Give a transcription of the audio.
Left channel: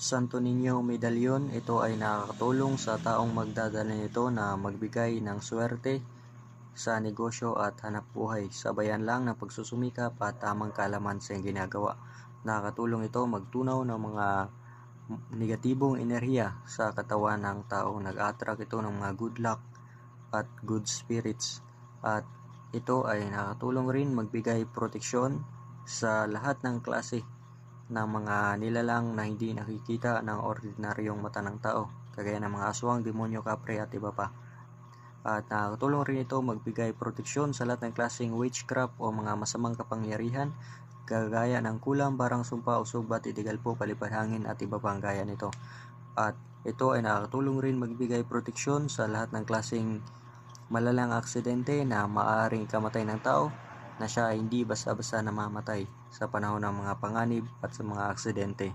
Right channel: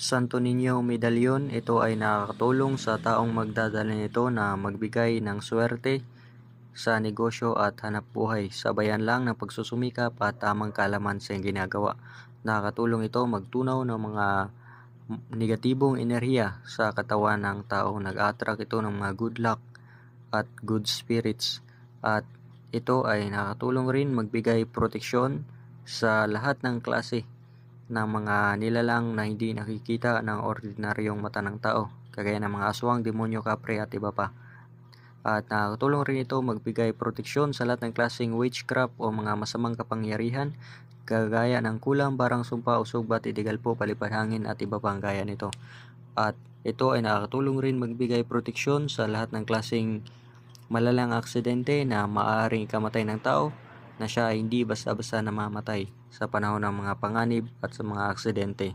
Santo Niño Medallion, ito ay nakakatulong sa taong magdadala nito na magbigay ng swerte sa negosyo at hanapbuhay, sabayan lang ng pagsusumikap at tamang kaalaman sa iyong ginagawa. Nakakatulong ito magtunaw ng mga negatibong enerhiya sa katawan ng tao. Nag-attract ito ng mga good luck at good spirits. At ito ay nakakatulong rin magbigay proteksyon sa lahat ng klase ng mga nilalang na hindi nakikita ng ordinaryong mata ng tao, kagaya ng mga aswang, demonyo, kapre at iba pa. At nakakatulong rin ito magbigay proteksyon sa lahat ng klaseng witchcraft o mga masamang kapangyarihan, kagaya ng kulam, barang, sumpa, usog, bat, itigalpo, palipad hangin at iba pang gaya nito. At ito ay nakakatulong rin magbigay proteksyon sa lahat ng klaseng malalang aksidente na maaaring ikamatay ng tao, na siya ay hindi basta-basta namamatay sa panahon ng mga panganib at sa mga aksidente.